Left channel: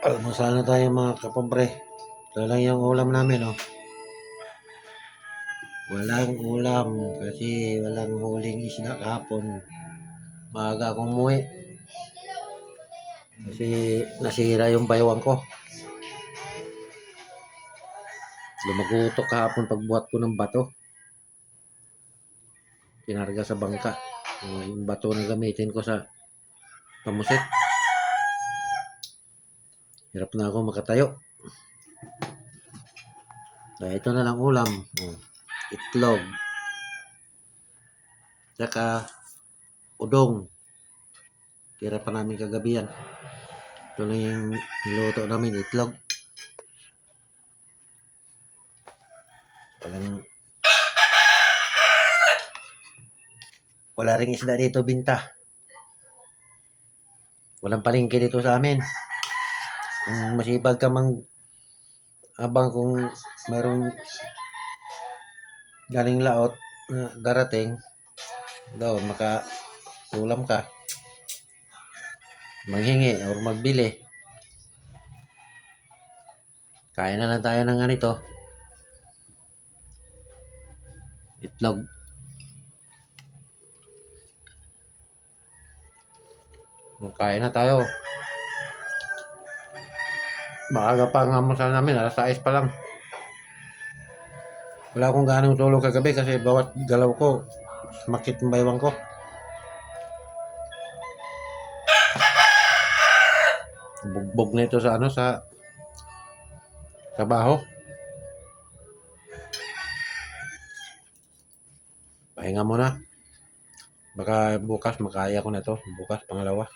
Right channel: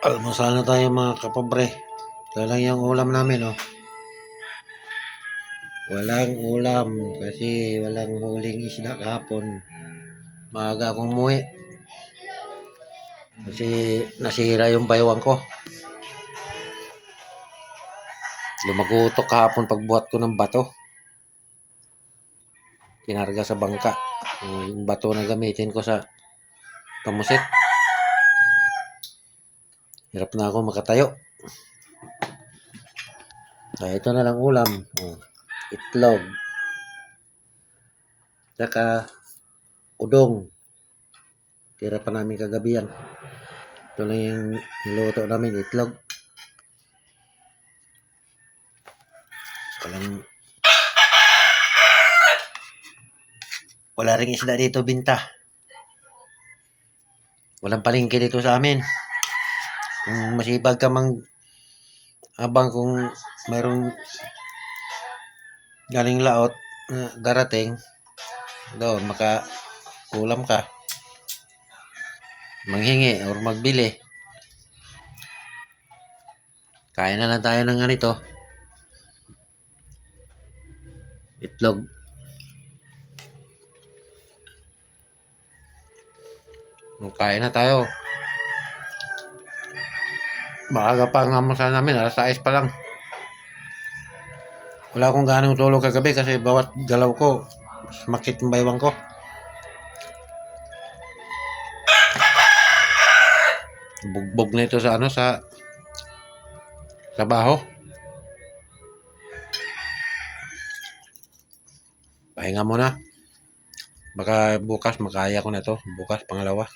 Almusal na tayo mga kapobre. Ito lang yung ulam namin, oh. Walang ulam kasi walang huling isda kahapon. Maaga akong umuwi kasi nasira yung baywang ko. Lumagutok kahapon pagbuhat ko ng bato. Kinarga sa bangka. Yung bato na gamitin ko sa pamusit. Hirap na ako makatayo. Ito na lang ulam. Itlog. Saka udong. Tira pa namin kagabi yan. Ito lang yung niluto namin, itlog. Wala ring isda dito binta. Walang palengke dito sa amin. Kung masipag ka abang kung mayroong galing laot na darating, doon ulam ka. Manghingi or magbili. Kain na lang tayo ng ganito. Itlog. Kain na tayo. Maaga pa ang almusal namin, alas 6 pa lang. Wala akong ganong tulog kagabi kasi bawat galaw ko makit ng baywang ko. Bugbog na ito sa trabaho. Pahinga muna. Baka bukas makaya ko na to. Bukas pangalawa.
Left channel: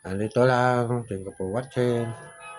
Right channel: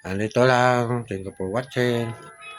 Andito lang. Thank you for watching.